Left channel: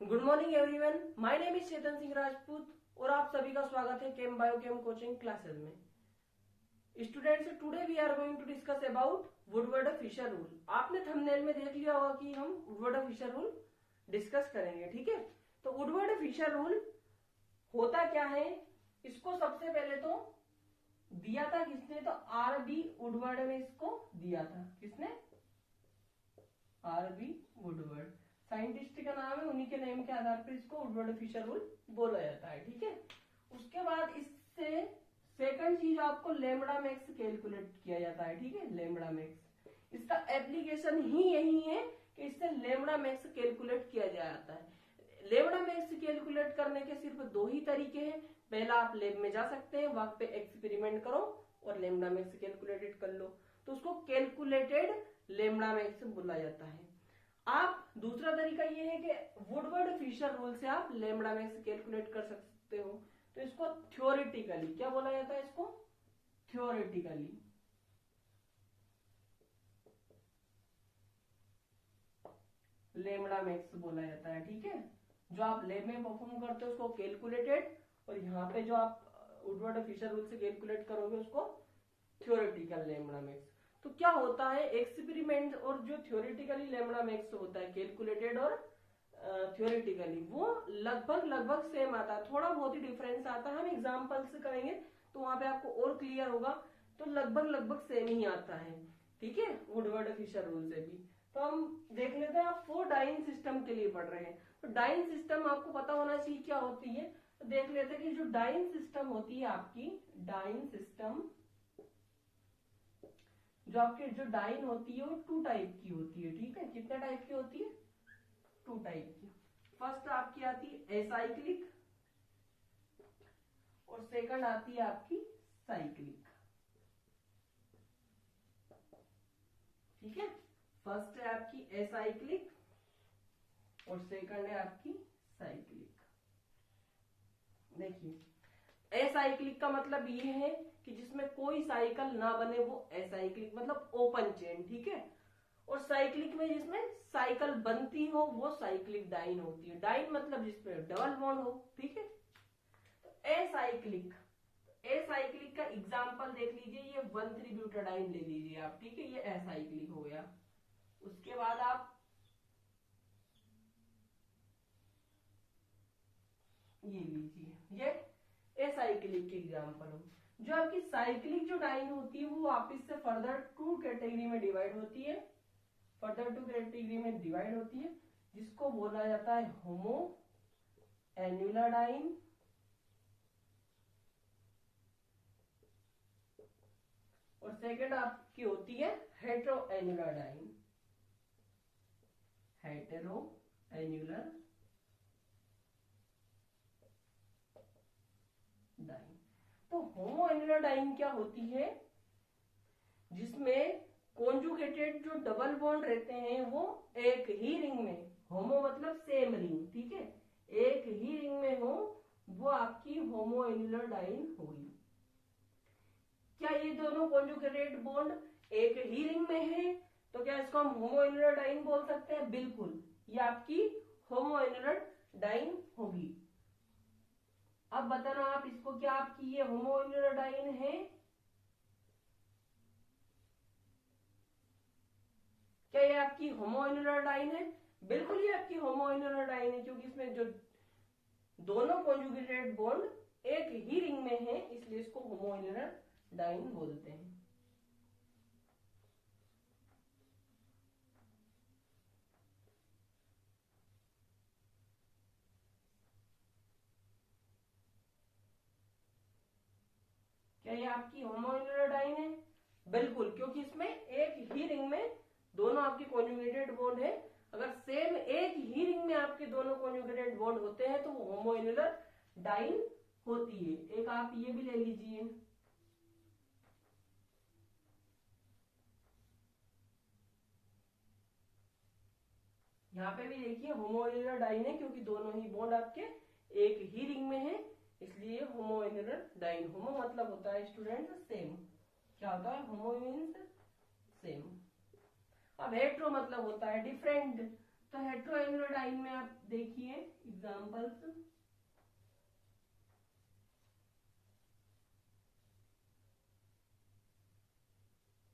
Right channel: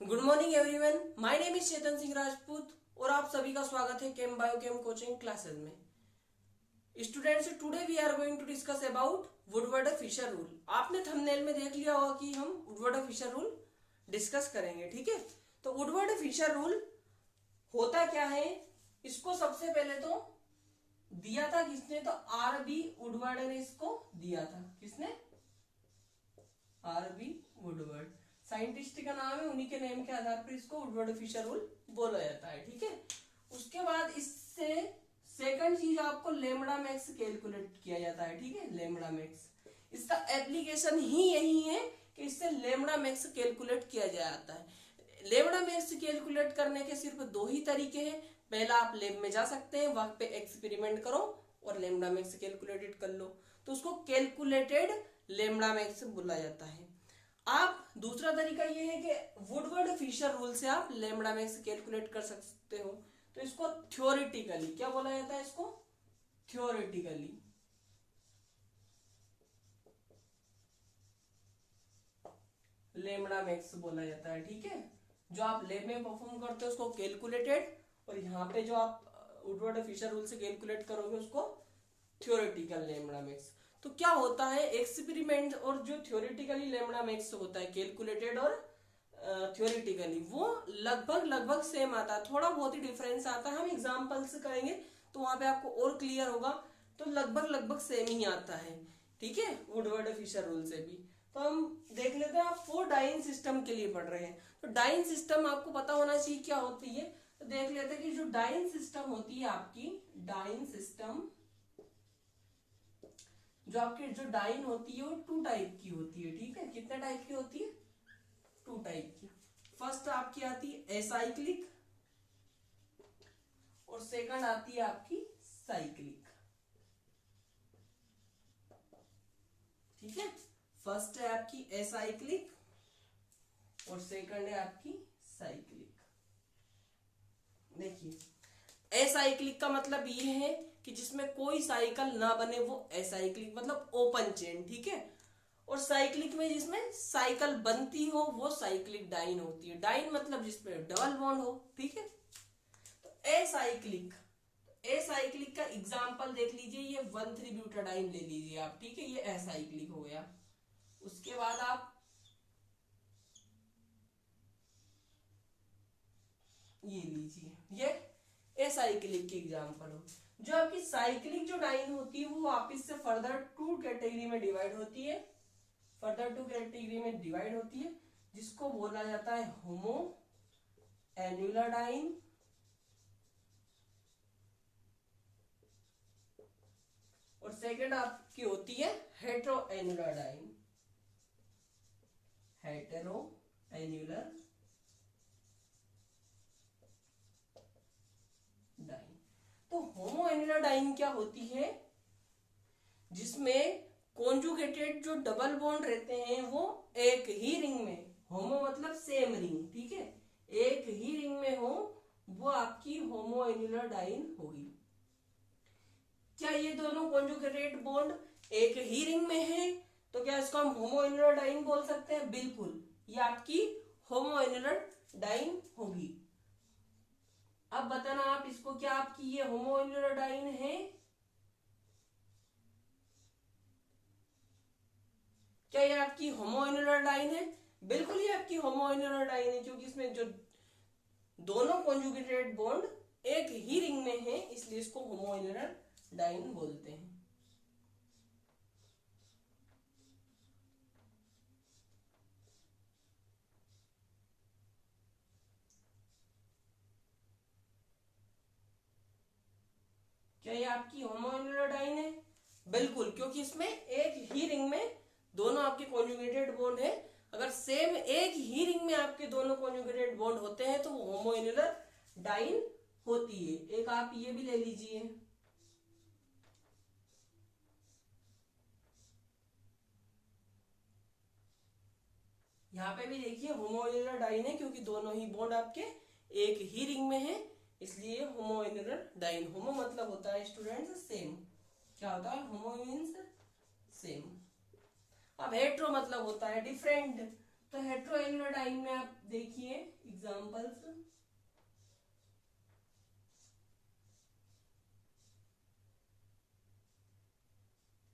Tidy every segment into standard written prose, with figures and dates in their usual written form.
Good morning everyone, my name is Chetan Singh Rajput और आप सभी का स्वागत है chem bio chem coaching classes में। Students, today we are going to discuss about Woodward Fisher rule. आपने थंबनेल में देख लिया होगा कि हम वुडवर्ड फिशर रूल डिस्कस करेंगे। ठीक है, तो वुडवर्ड फिशर रूल होता क्या है, इसको सबसे पहले तो दिया था किसने, तो आर बी वुडवर्ड ने इसको दिया था। किसने? आर बी वुडवर्ड, साइंटिस्ट का नाम है, उन्हीं के नेम के आधार पर इसको वुडवर्ड फिशर रूल बोला जाता है। ठीक है, उसके बाद इससे सेकंड चीज आपको लेमड़ा मैक्स कैलकुलेट किया जाता है। ठीक है, लेमड़ा मैक्स, इसका एप्लीकेशन ही यही है कि इससे लेमड़ा मैक्स कैलकुलेट किया जाता है। लेमड़ा मैक्स कैलकुलेट करने के सिर्फ दो ही तरीके हैं। पहला, आप लैब में जा सकते हैं, वहां पे एक्सपेरिमेंट करो और लेमड़ा मैक्स कैलकुलेटेड कर लो, तो उसको कैलकुलेटेड लेमड़ा मैक्स बोला जाता है। आप दूसरा तरीका ये है कि वुडवर्ड फिशर रूल से आप लेमड़ा मैक्स कैलकुलेट कर सकते हो, तो इसको थ्योरेटिकली क्या बोला जाता है, इसको थ्योरेटिकली लेमड़ा मैक्स बोला जाता है। ठीक है, जो आप लैब में परफॉर्म करते हो उसको कैलकुलेटेड, और यहाँ पे जो आप वुडवर्ड फिशर रूल से कैलकुलेट करोगे उसको थ्योरेटिकल लेमड़ा मैक्स। तो क्या होता है, एक्सपेरिमेंट और जो थ्योरेटिकली लेमड़ा मैक्स होता है, कैलकुलेटेड और थ्योरेटिकली, वो लगभग लगभग सेम आता है। थोड़ा बहुत ही डिफरेंस आता है, हम एग्जांपल्स करेंगे तो वहां पे आपको और क्लियर होगा। तो लगभग लगभग सेम ही आता है। ठीक है, वुडवर्ड फिशर रूल से भी। तो हम देख लेते हैं, आप फोर डाइन सिस्टम के लिए पढ़ रहे हैं, तो डाइन सिस्टम आपको पता होना चाहिए क्या होती है। तो देख लेते हैं कि जो डाइन सिस्टम होती है आपकी, डाइन सिस्टम, जो आपकी जो डाइन होती है वो टू टाइप की होती है। ठीक है, कितने टाइप की होती है? टू टाइप की। फर्स्ट आपकी आती है एसाइक्लिक और सेकंड आती है आपकी साइक्लिक। ठीक है, फर्स्ट है आपकी एसाइक्लिक और सेकंड है आपकी साइक्लिक। देखिए, एसाइक्लिक का मतलब ये है कि जिसमें कोई साइकिल ना बने, वो एसाइक्लिक मतलब ओपन चेन। ठीक है, और साइक्लिक में जिसमें साइकिल बनती हो वो साइक्लिक डाइन होती है। डाइन मतलब जिसमें डबल बॉन्ड हो। ठीक है, तो एसाइक्लिक, एसाइक्लिक का एग्जांपल देख लीजिए, ये 1,3 ब्यूटाडाइन ले लीजिए आप। ठीक है, ये एसाइक्लिक हो गया। उसके बाद आप ये लीजिए, ये एसाइक्लिक के एग्जांपल हो। जो आपकी साइक्लिक जो डाइन होती है वो वापिस से फर्दर टू कैटेगरी में डिवाइड होती है, फर्दर टू कैटेगरी में डिवाइड होती है, जिसको बोला जाता है होमो एन्युलर डाइन और सेकंड आपकी होती है hetero annular diene, hetero annular diene. तो होमो एन्युलर डाइन क्या होती है, जिसमें कॉन्जुगेटेड जो डबल बॉन्ड रहते हैं वो एक ही रिंग में, होमो मतलब सेम रिंग, ठीक है, एक ही रिंग में हो, वो आपकी होमो एन्युलर डाइन होगी। क्या ये दोनों कॉन्जुगेटेड बॉन्ड एक ही रिंग में है, तो क्या इसको हम होमो एन्युलर डाइन बोल सकते हैं? बिल्कुल, ये आपकी होमो एन्युलर डाइन होगी। अब बताना आप इसको, क्या आपकी ये होमो एन्युलर डाइन है? क्या ये आपकी होमो एन्युलर डाइन है? बिल्कुल ये आपकी होमो एन्युलर डाइन है, क्योंकि इसमें जो दोनों कॉन्जुगेटेड बॉन्ड एक ही रिंग में है, इसलिए इसको होमो एन्युलर डाइन बोलते हैं। क्या ये आपकी होमो एन्युलर डाइन है? बिल्कुल, क्योंकि इसमें एक ही रिंग में दोनों आपके कॉन्जुगेटेड बॉन्ड है। अगर सेम एक ही रिंग में आपके दोनों कॉन्जुगेटेड बॉन्ड होते हैं तो वो होमो एन्युलर डाइन होती है। एक आप ये भी ले लीजिए, यहाँ पे भी देखिए होमो एन्युलर डाइन है, क्योंकि दोनों ही बॉन्ड आपके एक ही रिंग में है, इसलिए होमो एन्युलर डाइन। होमो मतलब होता है स्टूडेंट्स सेम। क्या होता है? होमो मीन्स सेम। अब हेट्रो मतलब होता है डिफरेंट। तो हेट्रोएनुलर डाइन में आप देखिए एग्जांपल्स।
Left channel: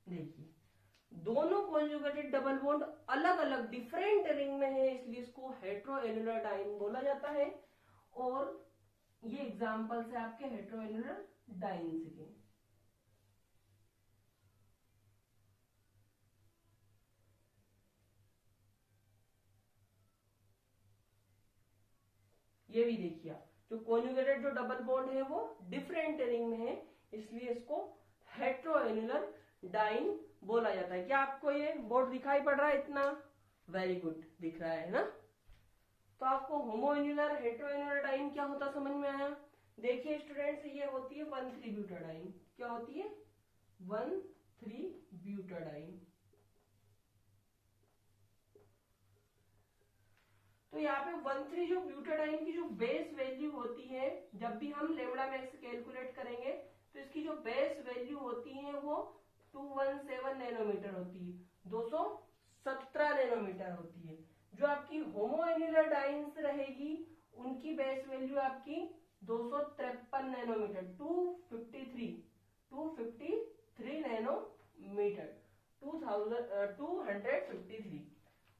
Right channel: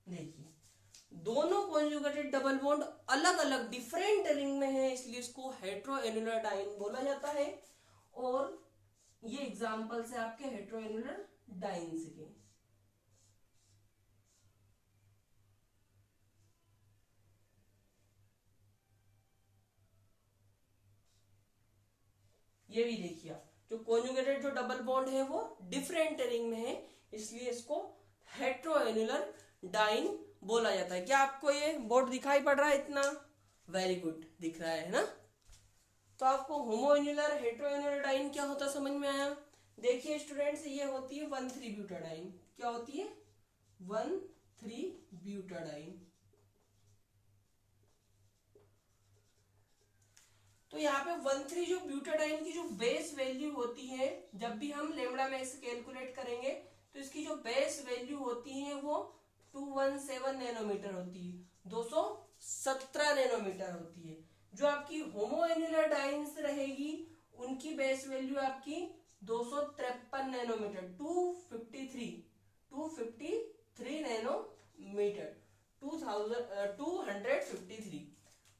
देखिए दोनों कॉन्जुगेटेड डबल बॉन्ड अलग अलग डिफरेंट रिंग में है, इसलिए इसको हेट्रोएनुलर डाइन बोला जाता है। और ये एग्जांपल्स है आपके हेट्रोएनुलर डाइन्स के। ये भी देखिए आप, जो कॉन्जुगेटेड जो डबल बॉन्ड है वो डिफरेंट रिंग में है, इसलिए इसको हेट्रोएनुलर डाइन बोला जाता है। क्या आपको ये बोर्ड दिखाई पड़ रहा है इतना? वेरी गुड, दिख रहा है ना? तो आपको होमोएन्युलर हेट्रोएन्युलर डाइन क्या होता समझ में आया? देखिए स्टूडेंट्स, ये होती है 1,3-ब्यूटाडाइन। क्या होती है? 1,3-ब्यूटाडाइन। तो यहाँ पे 1,3 जो ब्यूटाडाइन की जो बेस वैल्यू होती है, जब भी हम लेमडा मैक्स कैलकुलेट करेंगे तो इसकी जो बेस वैल्यू होती है वो 217 नैनोमीटर होती है, 217 नैनोमीटर होती है। जो आपकी होमोएन्युलर डाइन्स रहेगी उनकी बेस वैल्यू आपकी 253 नैनोमीटर, 253 नैनोमीटर, 253।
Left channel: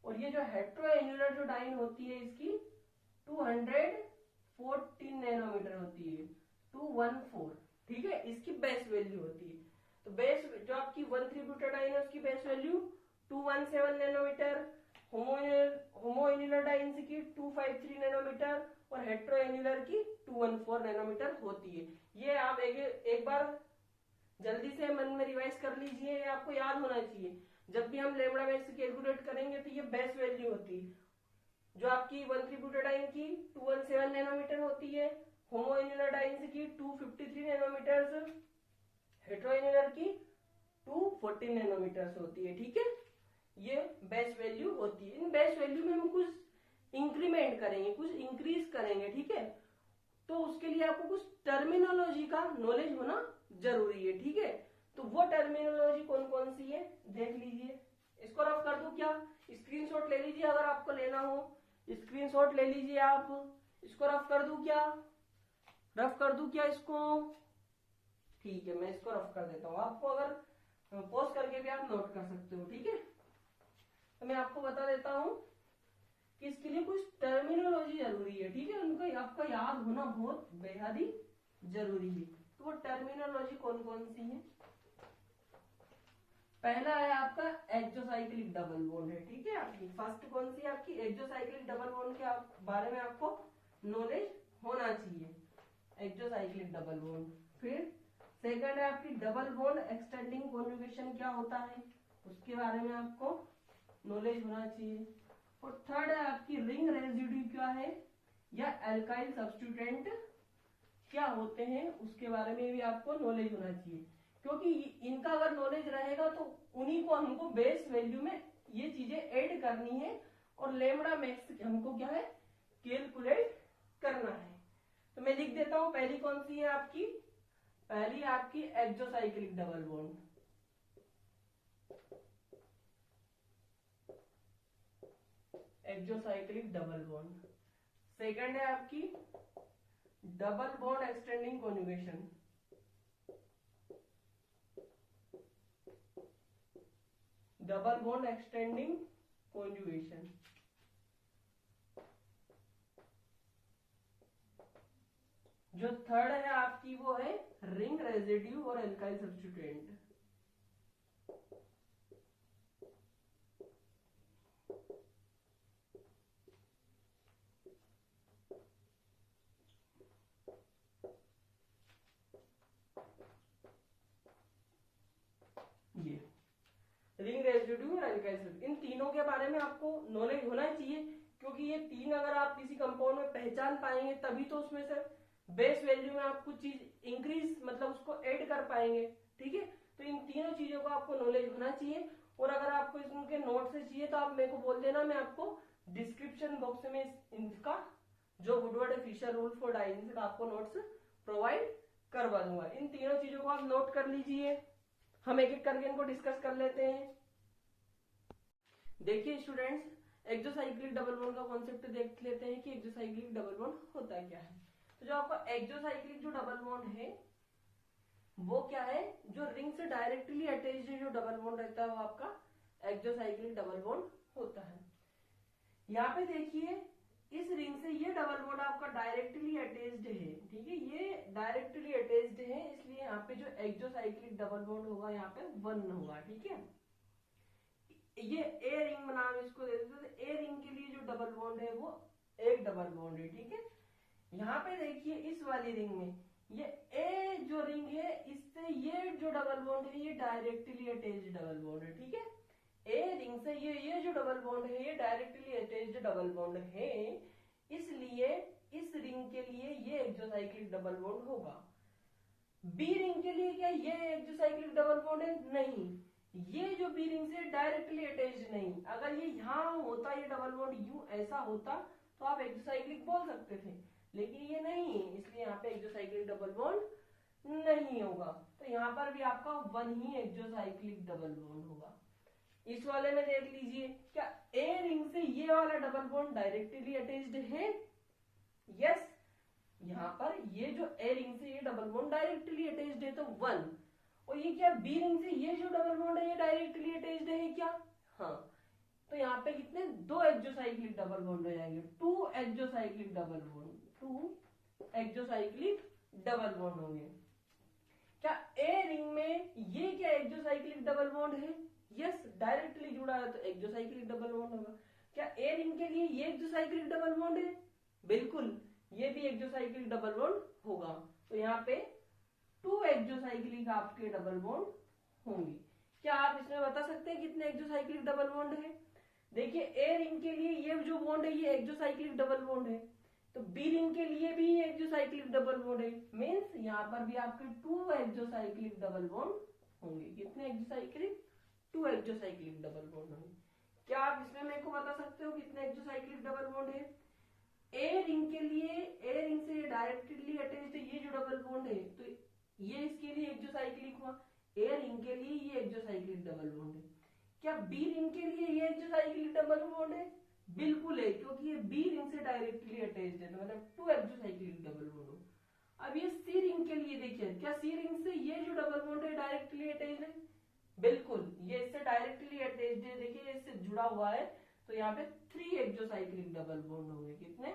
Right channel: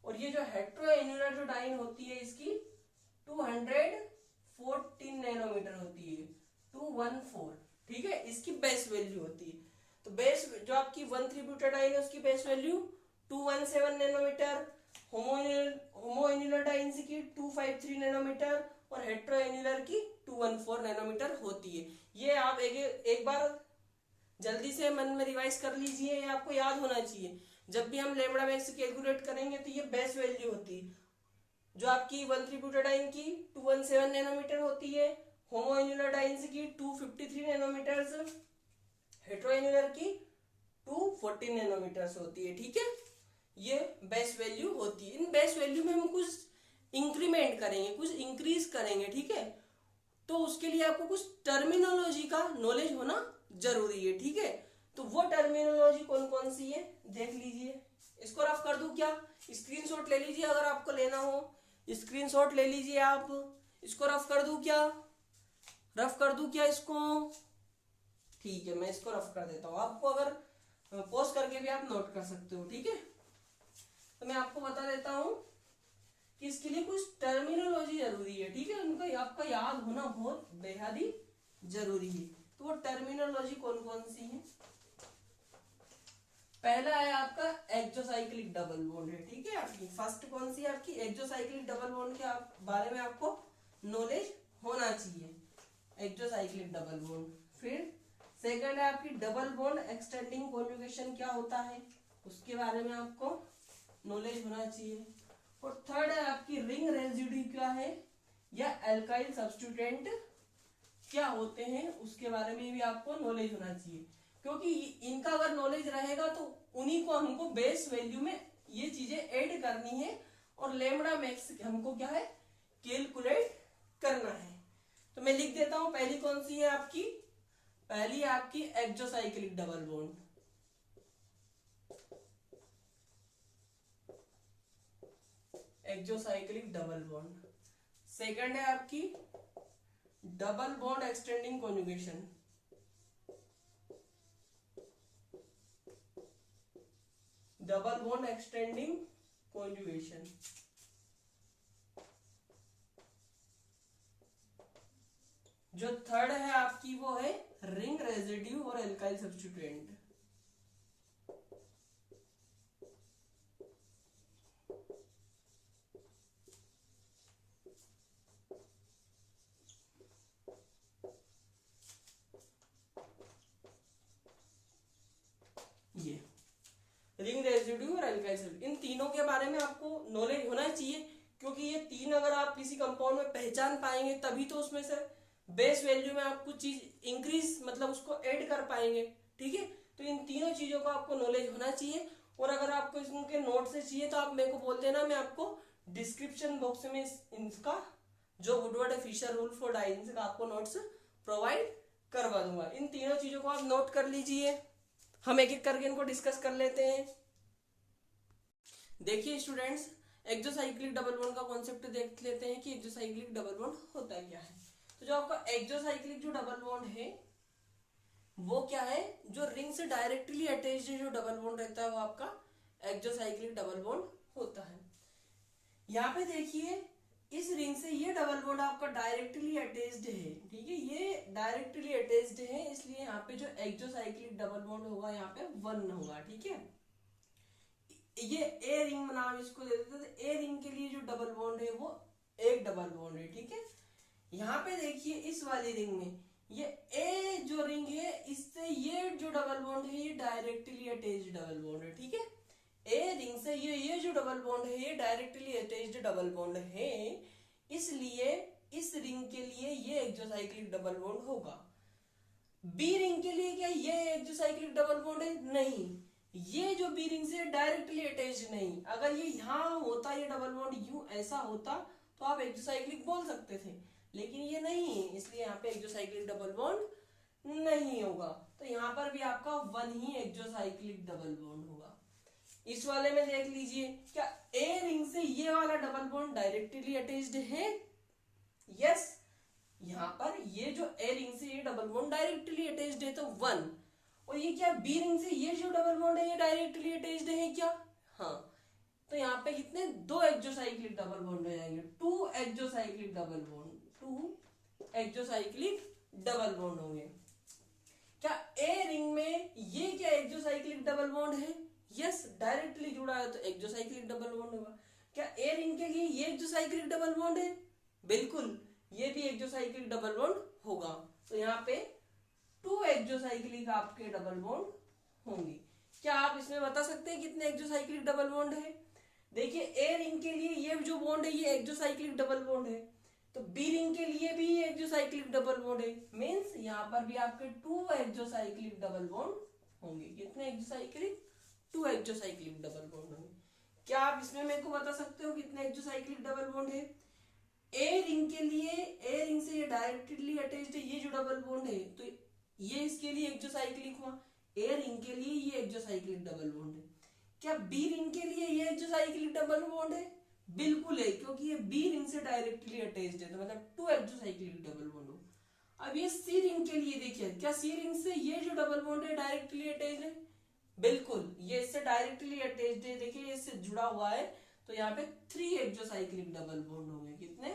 और ये जो हेट्रोएन्युलर जो डाइन होती है इसकी 214 नैनोमीटर होती है, 214। ठीक है, इसकी बेस वैल्यू होती है। तो बेस जो आपकी 1,3-ब्यूटाडाइन है उसकी बेस वैल्यू 217 नैनोमीटर, होमोएन्युलर डाइन्स की 253 नैनोमीटर और हेट्रोएन्युलर की 214 नैनोमीटर होती है। ये आप एक बार जल्दी से मन में रिवाइज कर लीजिए, ये आपको याद होना चाहिए। जब भी हम लेमडा मैक्स कैलकुलेट करेंगे तो ये बेस वैल्यू होती है, जो आपकी 1,3-ब्यूटाडाइन की 217 नैनोमीटर होती है, होमोएन्युलर डाइन्स की 253 नैनोमीटर, हेट्रोएन्युलर की 214 नैनोमीटर होती है। ठीक है, ये बेस वैल्यू होती है। इन बेस वैल्यू में हम कुछ इंक्रीमेंट करेंगे, कुछ इंक्रीज करेंगे। ठीक है, तो उसके लिए आपको कुछ टर्मिनोलॉजी का नॉलेज होना जरूरी है। ठीक है, तो वो टर्मिनोलॉजी कौन कौन सी है देख लीजिए। इसको रफ कर दूं क्या? स्क्रीनशॉट ले लीजिए, अगर आपको लेना हो स्क्रीनशॉट ले लीजिए आप। इसको रफ कर दूं क्या? रफ कर दूं क्या इसको? ठीक है, मैं इसको रफ कर देता हूं। आपको अगर पॉज करके भी आप नोट कर सकते हो। ठीक है, तो मैं आपको बता देता हूं कि इसके लिए कुछ टर्मिनोलॉजी जरूरी है। ठीक है, उनका आपका याद होना बहुत बेहद ही जरूरी है। तो वो टर्मिनोलॉजी कौन कौन सी है? पहला है आपका एक्सोसाइक्लिक डबल बॉन्ड है। ठीक है, आपकी फर्स्ट कौन सी है? आपकी एक्सोसाइक्लिक डबल बॉन्ड के बारे में आपको नॉलेज होना चाहिए, एक्सोसाइक्लिक डबल बॉन्ड। फिर सेकंड है आपकी डबल बॉन्ड एक्सटेंडिंग कॉन्जुगेशन क्या होता है, उसके बारे में आपको नॉलेज होना चाहिए। और थर्ड है आपकी रिंग रेजिड्यू क्या है या एल्काइल सब्स्टिट्यूएंट क्या होते हैं, उसके बारे में भी आपको नॉलेज होना चाहिए। क्योंकि इनका अगर नॉलेज रहेगा तो उन्हीं को हमको बेस वैल्यू में ये चीजें ऐड करनी है और लेमडा मैक्स हमको क्या है कैलकुलेट करना है। तो मैं लिख देता हूं, पहली कौन सी है आपकी? पहली है आपकी exocyclic double bond. Exocyclic double bond. Second है आपकी double bond extending conjugation. Double bond extending conjugation. जो थर्ड है आपकी वो है रिंग रेजिड्यू और एल्काइल सब्स्टिट्यूएंट। ये रिंग रेजिड्यू और एल्काइल सब्स्टिट्यूएंट, इन तीनों के बारे में आपको नॉलेज होना चाहिए। क्योंकि ये तीन अगर आप किसी कंपाउंड में पहचान पाएंगे तभी तो उसमें से बेस वैल्यू में आप कुछ चीज इंक्रीज मतलब उसको ऐड कर पाएंगे। ठीक है, तो इन तीनों चीजों का आपको नॉलेज होना चाहिए। और अगर आपको इनके नोट से चाहिए तो आप मेरे को बोल देना, मैं आपको डिस्क्रिप्शन बॉक्स में इनका जो Woodward Fisher rule for dienes का आपको नोट्स प्रोवाइड करवा दूंगा। इन तीनों चीजों को आप नोट कर लीजिए, हम एक एक करके इनको डिस्कस कर लेते हैं। देखिए स्टूडेंट्स, एक्सोसाइक्लिक डबल बॉन्ड का कॉन्सेप्ट देख लेते हैं कि एक्सोसाइक्लिक डबल बॉन्ड होता क्या है। तो जो आपका एक्सोसाइक्लिक जो डबल बॉन्ड है वो क्या है, जो रिंग से डायरेक्टली अटैच्ड जो डबल बॉन्ड रहता है वो आपका एक्सोसाइक्लिक डबल बॉन्ड होता है। यहाँ पे देखिए इस रिंग से ये डबल बॉन्ड आपका डायरेक्टली अटैच्ड है, ठीक है, ये डायरेक्टली अटैच्ड है, इसलिए यहाँ पे जो एक्सोसाइक्लिक डबल बॉन्ड होगा यहाँ पे 1 होगा, ठीक है। ये ए रिंग नाम इसको दे देते हैं। ए रिंग के लिए जो डबल बॉन्ड है वो एक डबल बॉन्ड है, ठीक है। यहाँ पे देखिए इस वाली रिंग में ये ए जो रिंग है इससे ये जो डबल बॉन्ड है ये डायरेक्टली अटैच्ड डबल बॉन्ड है, ठीक है। ए रिंग से ये जो डबल बॉन्ड है ये डायरेक्टली अटैच्ड डबल बॉन्ड है, इसलिए इस रिंग के लिए ये एक्सोसाइक्लिक डबल बॉन्ड होगा। बी रिंग के लिए क्या ये एक्सोसाइक्लिक डबल बॉन्ड है? नहीं, ये जो बी रिंग से डायरेक्टली अटैच्ड नहीं। अगर ये यहाँ होता ये डबल बॉन्ड यूं ऐसा होता तो आप एक्सोसाइक्लिक बोल सकते थे, लेकिन ये नहीं है, इसलिए यहाँ पे एक्सोसाइक्लिक डबल बॉन्ड नहीं होगा। तो यहाँ पर भी आपका 1 ही एक्सोसाइक्लिक डबल बॉन्ड होगा। इस वाले में देख लीजिए, क्या ए रिंग से ये वाला डबल बॉन्ड डायरेक्टली अटैच्ड है? यस, यहाँ पर ये जो ए रिंग से ये डबल बॉन्ड डायरेक्टली अटैच्ड है तो 1, और ये क्या बी रिंग से ये जो डबल बॉन्ड है ये डायरेक्टली अटैच्ड है क्या? हाँ, तो यहाँ पे कितने 2 एक्सोसाइक्लिक डबल बॉन्ड हो जाएंगे, 2 exocyclic double bond, 2 exocyclic double bond होंगे। क्या ए रिंग में ये क्या एक्सोसाइक्लिक डबल बॉन्ड है? यस, डायरेक्टली जुड़ा है तो एक्सोसाइक्लिक डबल बॉन्ड होगा। क्या ए रिंग के लिए ये एक्सोसाइक्लिक डबल बॉन्ड है? बिल्कुल, ये भी एक्सोसाइक्लिक डबल बॉन्ड होगा। तो यहाँ पे 2 एक्सोसाइक्लिक आपके डबल बॉन्ड होंगे। क्या आप इसमें बता सकते हैं कितने एक्सोसाइक्लिक डबल बॉन्ड है? देखिए ए रिंग के लिए ये जो बॉन्ड है ये एक्सोसाइक्लिक डबल बॉन्ड है, तो बी रिंग के लिए भी एक्सोसाइक्लिक डबल बॉन्ड है, मींस यहाँ पर भी आपके 2 एक्सोसाइक्लिक डबल बॉन्ड होंगे। कितने एक्सोसाइक्लिक? 2 एक्सोसाइक्लिक डबल बॉन्ड होंगे। क्या आप इसमें मेरे को बता सकते हो कितने एक्सोसाइक्लिक डबल बॉन्ड है? ए रिंग के लिए, ए रिंग से ये डायरेक्टली अटैच्ड है ये जो डबल बॉन्ड है, तो ये इसके लिए एक्सोसाइक्लिक हुआ। ए रिंग के लिए ये एक्सोसाइक्लिक डबल बॉन्ड है। क्या बी रिंग के लिए ये एक्सोसाइक्लिक डबल बॉन्ड है? बिल्कुल है, क्योंकि ये बी रिंग से डायरेक्टली अटैच्ड है, तो मतलब 2 एक्सोसाइक्लिक डबल बॉन्ड हो। अब ये सी रिंग के लिए देखिए, क्या सी रिंग से ये जो डबल बॉन्ड है डायरेक्टली अटैच्ड है? बिल्कुल, ये इससे डायरेक्टली अटैच्ड है, देखिए इससे जुड़ा हुआ है, तो यहाँ पे 3 एक्सोसाइक्लिक डबल बॉन्ड होंगे। कितने?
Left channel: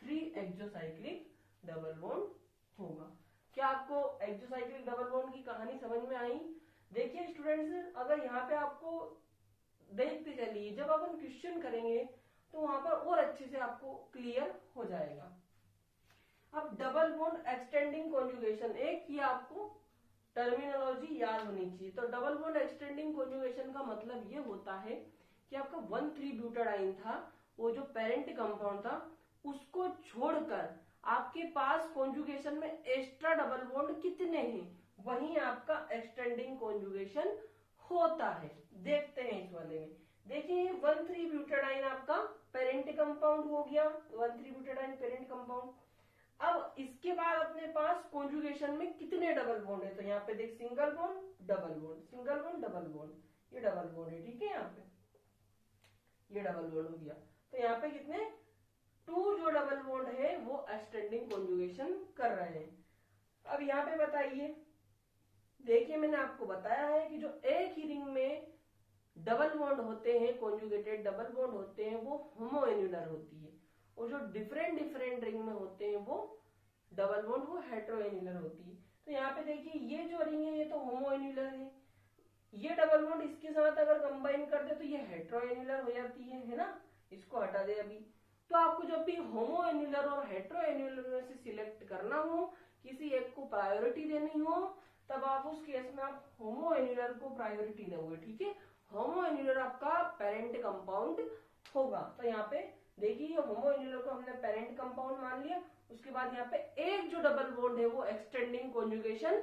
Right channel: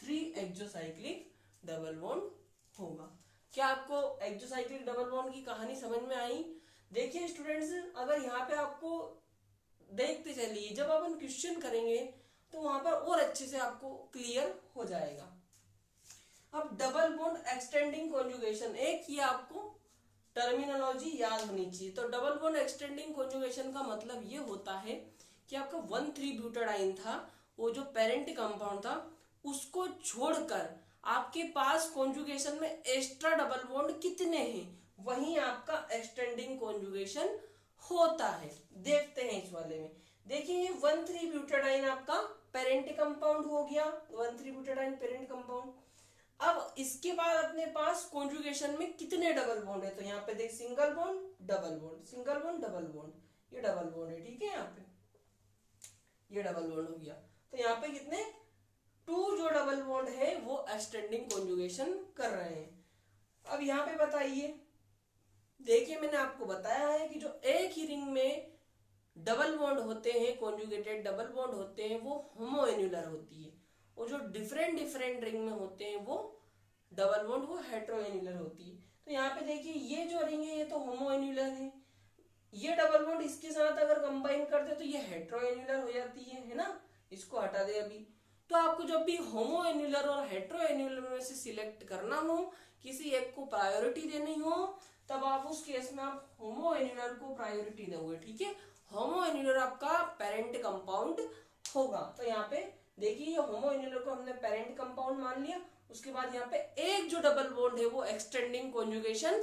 3 एक्सोसाइक्लिक डबल बॉन्ड होगा। क्या आपको एक्सोसाइक्लिक डबल बॉन्ड की कहानी समझ में आई? देखिए स्टूडेंट्स, अगर यहाँ पे आपको देखते चलिए, जब अपन क्वेश्चन करेंगे तो वहां पर और अच्छे से आपको क्लियर हो जाएगा। अब डबल बॉन्ड एक्सटेंडिंग कॉन्जुगेशन, एक ही आपको टर्मिनोलॉजी याद होनी चाहिए। तो डबल बॉन्ड एक्सटेंडिंग कॉन्जुगेशन का मतलब ये होता है कि आपका 1,3-ब्यूटाडाइन था, वो जो पेरेंट कंपाउंड था उसको छोड़कर आपके पास कॉन्जुगेशन में एक्स्ट्रा डबल बॉन्ड कितने हैं, वहीं आपका एक्सटेंडिंग कॉन्जुगेशन होता है। देखते हैं इस वाले में, देखिए ये 1,3-ब्यूटाडाइन आपका पेरेंट कंपाउंड हो गया, 1,3-ब्यूटाडाइन पेरेंट कंपाउंड। अब इसके बाद अपने पास कॉन्जुगेशन में कितने डबल बॉन्ड है, तो यहाँ पे देख single bond double bond, single bond double bond, ये डबल बॉन्ड है, ठीक है। यहाँ पे ये डबल बॉन्ड हो गया, तो यहाँ पे कितने 2 जो डबल बॉन्ड है वो एक्सटेंडिंग कॉन्जुगेशन कर रहे हैं। अब यहाँ पे बताइए, देखिए मैंने आपको बताया है कि जो एक ही रिंग में डबल बॉन्ड होते हैं, कॉन्जुगेटेड डबल बॉन्ड होते हैं, वो होमोएन्युलर होती है, और जो डिफरेंट डिफरेंट रिंग में होते हैं वो डबल बॉन्ड वो हेटेरोएन्युलर होती है। तो यहाँ पे देखिए ये जो रिंग है ये तो होमोएन्युलर है, ये डबल बॉन्ड इसके साथ अगर कंबाइन करते तो ये हेटेरोएन्युलर हो जाती है ना, इसको हटा दे अभी। तो आपको जब भी होमोएन्युलर और हेटेरोएन्युलर में से सिलेक्ट करना हो, किसी एक को प्रायोरिटी देनी हो, तब आप उस केस में आप होमोएन्युलर को प्रायोरिटी दोगे, ठीक है। होमोएन्युलर आपका पेरेंट कंपाउंड होगा। तो यहाँ पे देखिए ये होमोएन्युलर को हमने पेरेंट कंपाउंड मान लिया, उसके बाद यहाँ पे एक जो डबल बॉन्ड है वो एक्सटेंडिंग कॉन्जुगेशन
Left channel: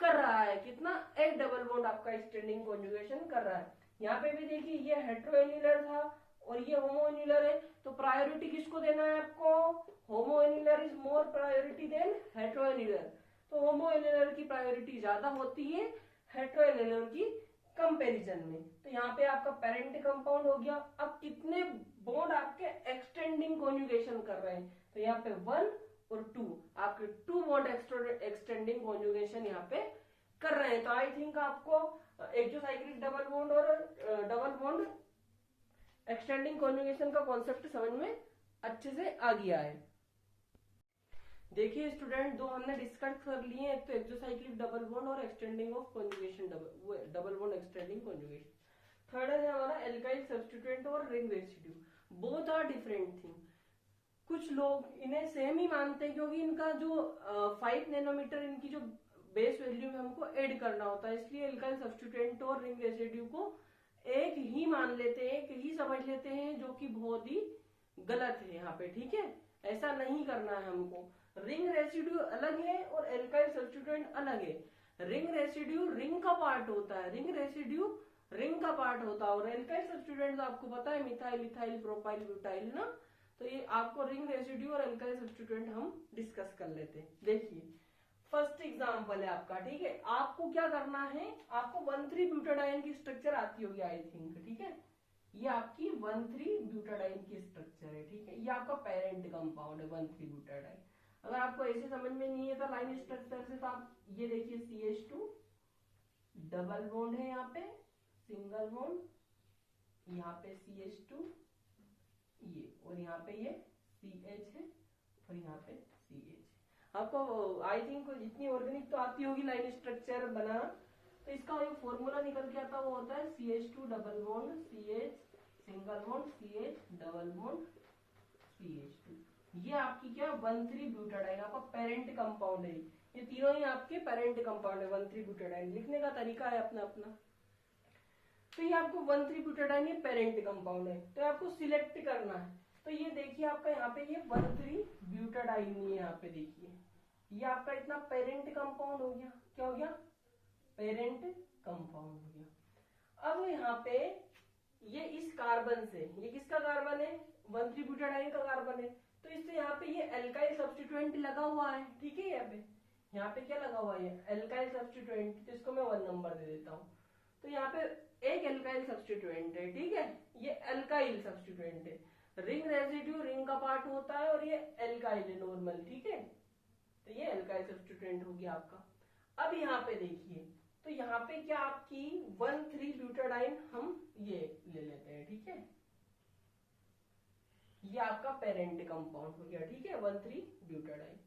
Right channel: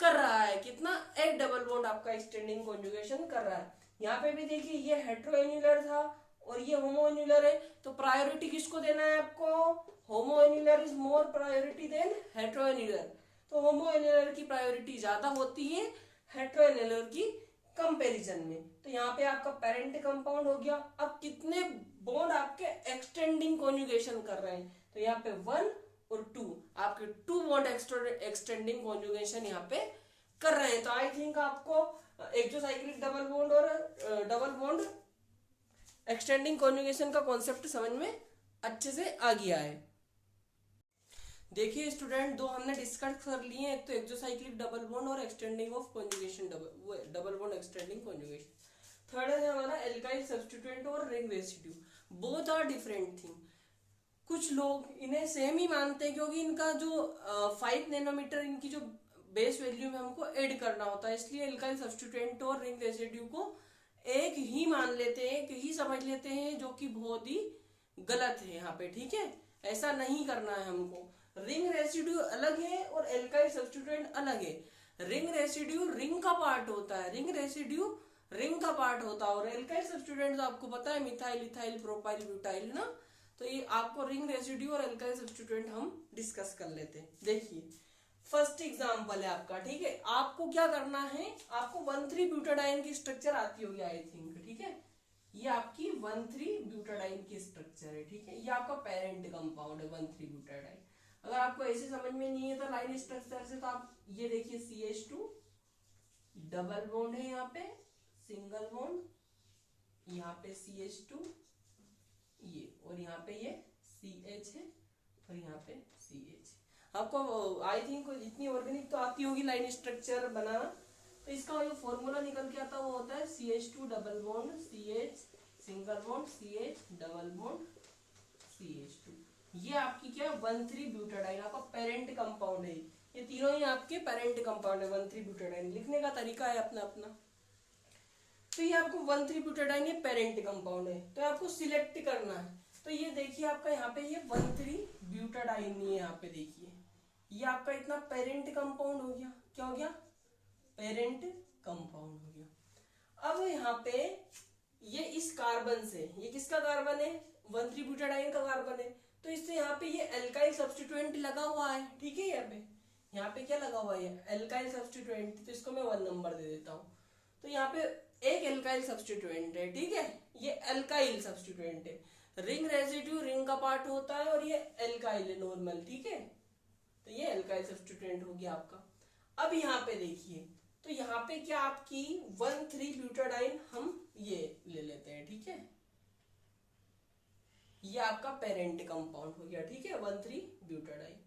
कर रहा है। कितना? एक डबल बॉन्ड आपका एक्सटेंडिंग कॉन्जुगेशन कर रहा है। यहाँ पे भी देखिए ये हेटेरोएन्युलर था और ये होमोएन्युलर है, तो प्रायोरिटी किसको देना है आपको? होमोएन्युलर इज मोर प्रायोरिटी देन हेटेरोएन्युलर, तो होमोएन्युलर की प्रायोरिटी ज्यादा होती है हेटेरोएन्युलर की कंपैरिजन में। तो यहाँ पे आपका पेरेंट कंपाउंड हो गया। अब कितने बॉन्ड आपके एक्सटेंडिंग कॉन्जुगेशन कर रहे हैं, तो यहाँ पे 1 और 2 आपके 2 बॉन्ड एक्सटेंडिंग कॉन्जुगेशन यहाँ पे कर रहे हैं। तो आई थिंक आपको एक्सोसाइक्लिक डबल बॉन्ड और डबल बॉन्ड एक्सटेंडिंग कॉन्जुगेशन का कॉन्सेप्ट समझ में अच्छे से आ गया है। देखिए स्टूडेंट, दो हमने डिस्कस कर लिए हैं, एक तो एक्सोसाइक्लिक डबल बॉन्ड और extending of conjugation double bond extending conjugation. Third है हमारा एल्काइल सब्स्टिट्यूएंट और ring residue. Both are different thing. कुछ लोग इन्हें सेम ही मानते हैं क्योंकि इनका जो 5 नैनोमीटर इनकी जो बेस वैल्यू में हमको ऐड करना होता है, इसलिए एल्काइल सब्स्टिट्यूएंट और रिंग रेसिड्यू को एक ही मान लेते हैं, एक ही समझ लेते हैं, जो कि बहुत ही गलत है यहाँ पे। ठीक है, ऐसा नहीं करना है हमको। रिंग रेसिड्यू अलग है और एल्काइल सब्स्टिट्यूएंट अलग है। रिंग रेसिड्यू रिंग का पार्ट होता है, रिंग रेसिड्यू रिंग का पार्ट होता है, और एल्काइल सब्स्टिट्यूएंट आपको पता है मिथाइल, इथाइल, प्रोपाइल, ब्यूटाइल ना। तो ये आपको रिंग रेसिड्यू और एल्काइल सब्स्टिट्यूएंट हम डिस्कस कर लेते हैं। देखिए फर्स्ट एग्जांपल है आपका। ठीक है, आपको क्या करना है, आपको 1,3-ब्यूटाडाइन की स्ट्रक्चर आती होगी आई थिंक। ठीक है, ये आपकी 1,3-ब्यूटाडाइन की स्ट्रक्चर है। ठीक है, ये आपका पेरेंट कंपाउंड है 1,3-ब्यूटाडाइन। अगर आपको ऐसे समझ में नहीं है तो लाइन स्ट्रक्चर से, तो आप ये देखिए CH2 डबल बॉन्ड है, यहाँ पे सिंगल बॉन्ड, यहाँ पे CH2 ये, और यहाँ पे ये CH है, और यहाँ पे CH। आपको आई थिंक इतनी ऑर्गेनिक तो आती होगी लाइन स्ट्रक्चर बनाना। तो इसका जो फॉर्मूला निकल के आता है वो होता है CH2 double bond CH single bond CH double bond CH2। ये आपकी क्या 1,3-ब्यूटाडाइन आपका पेरेंट कंपाउंड है। ये तीनों ही आपके पेरेंट कंपाउंड है 1,3-ब्यूटाडाइन। लिखने का तरीका है अपना अपना। तो ये आपको 1,3-ब्यूटाडाइन ये पेरेंट कंपाउंड है, तो आपको सिलेक्ट करना है। तो ये देखिए आपका यहाँ पे ये 1,3-ब्यूटाडाइन है, यहाँ पे देखिए ये आपका इतना पेरेंट कंपाउंड हो गया। क्या हो गया, पेरेंट कंपाउंड हो गया। अब यहाँ पे ये इस कार्बन से, ये किसका कार्बन है, 1,3-ब्यूटाडाइन का कार्बन है, तो इससे यहाँ पे ये एल्काइल सब्स्टिट्यूएंट लगा हुआ है। ठीक है, यहाँ पे क्या लगा हुआ है, एल्काइल सब्स्टिट्यूएंट, तो इसको मैं 1 नंबर दे देता हूँ। तो यहाँ पे एक एल्काइल सब्स्टिट्यूएंट है। ठीक है, ये एल्काइल सब्स्टिट्यूएंट है। रिंग रेसिड्यू रिंग का पार्ट होता है और ये एल्काइल है नॉर्मल। ठीक है, तो ये एल्काइल सब्स्टिट्यूएंट हो गया आपका। अब यहाँ पे देखिए, तो यहाँ पे क्या आपकी 1,3-ब्यूटाडाइन हम ये ले लेते हैं। ठीक है, ये आपका पेरेंट कंपाउंड हो गया। ठीक है, 1,3-ब्यूटाडाइन।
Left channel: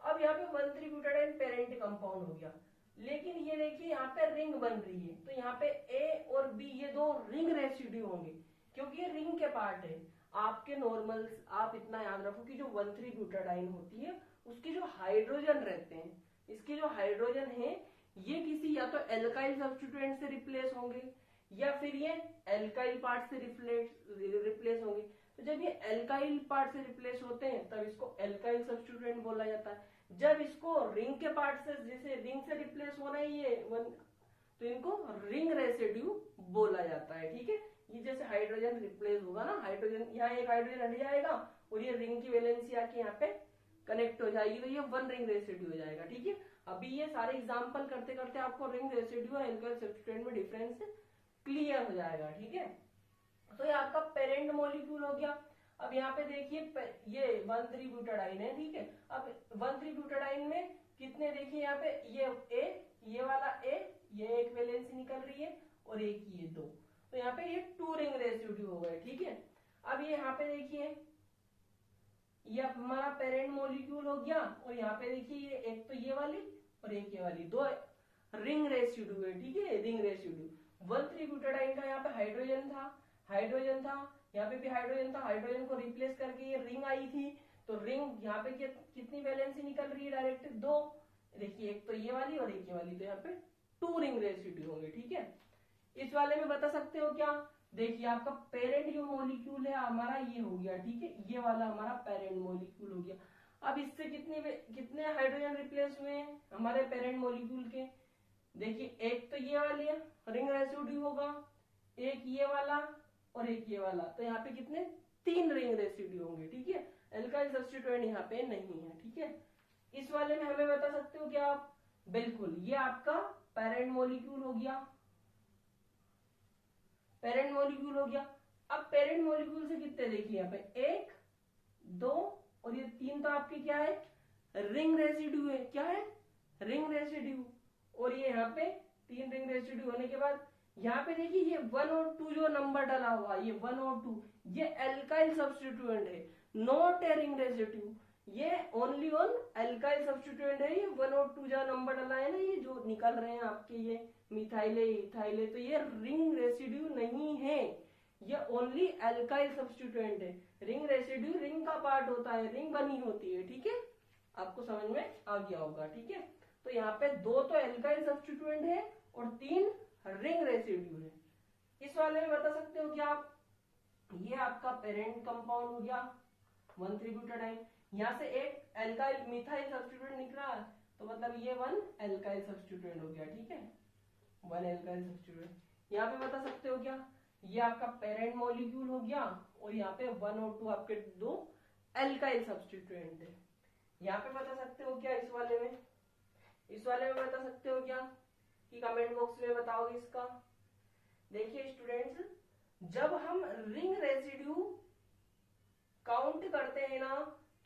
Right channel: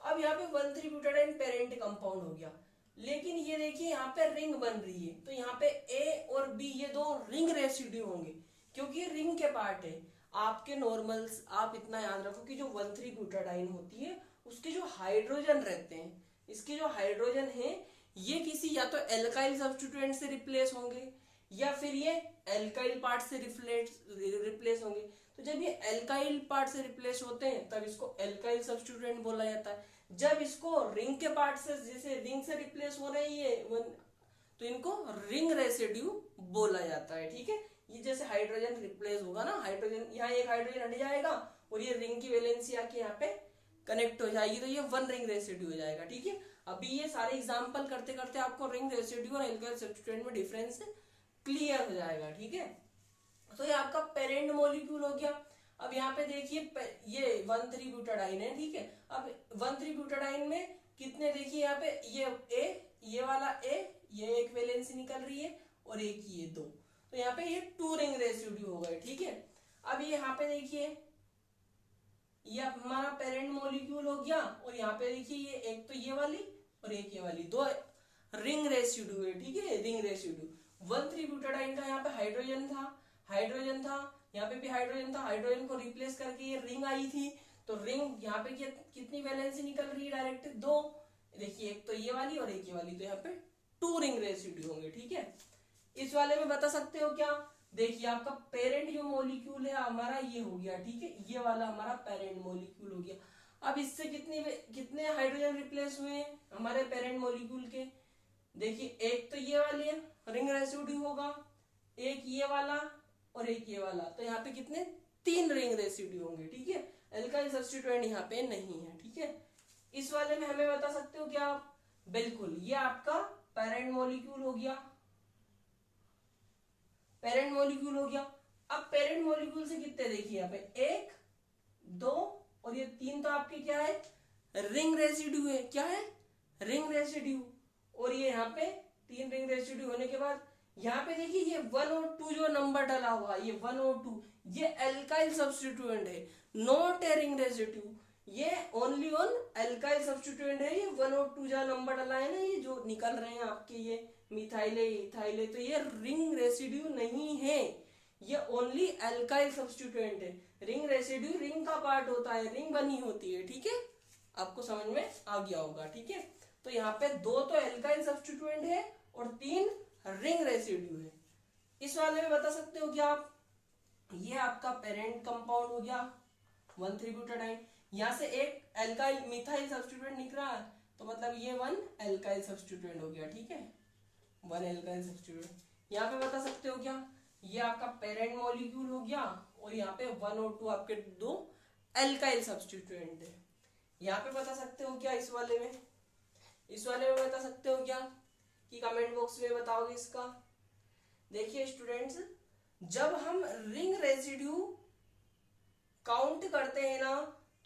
अब यहाँ पे 1,3-ब्यूटाडाइन पेरेंट कंपाउंड हो गया, लेकिन ये देखिए यहाँ पे रिंग बन रही है, तो यहाँ पे A और B ये दो रिंग रेसिड्यू होंगे क्योंकि ये रिंग के पार्ट है। आपके नॉर्मल्स आप इतना याद रखो कि जो 1,3-ब्यूटाडाइन होती है उसके जो हाइड्रोजन रहते हैं, इसके जो हाइड्रोजन है ये किसी या तो एल्काइल सब्स्टिट्यूएंट से रिप्लेस होंगे या फिर ये एल्काइल पार्ट से रिप्लेस होंगे। तो जब ये एल्काइल पार्ट से रिप्लेस होते हैं तब इसको एल्काइल सब्स्टिट्यूएंट बोला जाता है। जब इसको रिंग के पार्ट से, जैसे रिंग से रिप्लेस हो रही है तो इनको रिंग रेसिड्यू बोला जाता है। ठीक है, ये जैसे हाइड्रोजन रिप्लेस होगा ना, हाइड्रोजन यहाँ एक हाइड्रोजन हट जाएगा और ये रिंग की वैलेंसी आके यहाँ पे कनेक्ट हो जाएगी, तो ये 1 रिंग रेसिड्यू हो जाएगा। ठीक है, अभी ये सारे एग्जांपल करते करते आपको रिंग रेसिड्यू और एल्काइल सब्स्टिट्यूएंट में डिफरेंस क्लियर हो जाएगा। ठीक है, तो ये आपका पेरेंट मॉलिक्यूल हो गया। अब यहाँ पे देखिए ये 1,3-ब्यूटाडाइन है। ठीक है, अब 1,3-ब्यूटाडाइन में कितने, देखिए यहाँ पे ये वाला A, ये एक वैलेंसी निकल रही है और एक ये 2, तो यहाँ पे ये 2 रिंग रेसिड्यू हो गए। ठीक है, अब ये यहाँ पे देखिए ये हमारा पेरेंट मॉलिक्यूल हो गया, और यहाँ पे देखिए ये एक तो ये वाली और एक ये वाली, 2 रिंग रेसिड्यू है। ठीक है, रिंग रेसिड्यू 1,3-ब्यूटाडाइन का यहाँ पे हाइड्रोजन था, यहाँ पे भी हाइड्रोजन था, हाइड्रोजन को रिप्लेस करके ये रिंग आई थी, तो रिंग यहाँ पे कितनी वैलेंसी निकल रही है, डायरेक्ट 2। देखिए एक तो ये वाली और एक ये वाली, तो यहाँ पे 2 रिंग रेसिड्यू होंगे। ठीक है, इस वाले में बता सकते हो क्या, देखिए आपका पेरेंट जो मॉलिक्यूल है हमारा ये हो गया। ठीक है, ये वाला हमारा पेरेंट मॉलिक्यूल हो गया। अब इससे कितने हाइड्रोजन रिप्लेस हुए हैं हमारे पेरेंट मॉलिक्यूल के, देखिए एक तो ये वाली है रिंग रेसिड्यू होगा, एक ये वाला और एक ये वाला, तो यहाँ पे कितने 3 रिंग रेसिड्यू होंगे। ठीक है, एल्काइल सब्स्टिट्यूएंट यहाँ पे नहीं है। ठीक है, इस वाले में हमें बता सकते हो क्या आप, बिल्कुल ये आपका पेरेंट मॉलिक्यूल हो गया। पेरेंट मॉलिक्यूल हो गया। अब पेरेंट मॉलिक्यूल से कितने देखिए यहाँ पे 1 2 और ये 3 तो आपके क्या है, रिंग रेसिड्यू है। क्या है, रिंग रेसिड्यू। और ये यहाँ पे 3 रिंग रेसिड्यू होने के बाद यहाँ पे देखिए ये 1 और 2 जो नंबर डाला हुआ, ये 1 और 2 ये एल्काइल सब्स्टिट्यूएंट है, नॉट ए रिंग रेसिड्यू। ये ओनली ऑन एल्काइल सब्स्टिट्यूएंट है। ये 1 और 2 जहां नंबर डाला है ना, ये जो निकल रहे हैं आपके ये मिथाइले इथाइले, तो ये रिंग रेसिड्यू नहीं है, ये ओनली एल्काइल सब्स्टिट्यूएंट है। रिंग रेसिड्यू रिंग का पार्ट होता है, रिंग बनी होती है। ठीक है, आपको समझ में आ गया होगा। ठीक है, तो यहाँ पे 2 तो एल्काइल सब्स्टिट्यूएंट है और 3 रिंग रेसिड्यू है। इस वाले में बता सकते हो क्या आप, ये आपका पेरेंट कंपाउंड हो गया 1,3-ब्यूटाडाइन, यहाँ से एक एल्काइल मिथाइल सब्स्टिट्यूएंट निकला, तो मतलब ये 1 एल्काइल सब्स्टिट्यूएंट हो गया। ठीक है, 1 एल्काइल सब्स्टिट्यूएंट। यहाँ पे बता सकते हो क्या, ये आपका पेरेंट मॉलिक्यूल हो गया और यहाँ पे 1 और 2 आपके 2 एल्काइल सब्स्टिट्यूएंट है। यहाँ पे बता सकते हो क्या, इस वाले में बता सकते हो क्या कि कमेंट बॉक्स में बताओगे इसका। देखिए स्टूडेंट्स, जब हम रिंग रेसिड्यू काउंट करते हैं ना,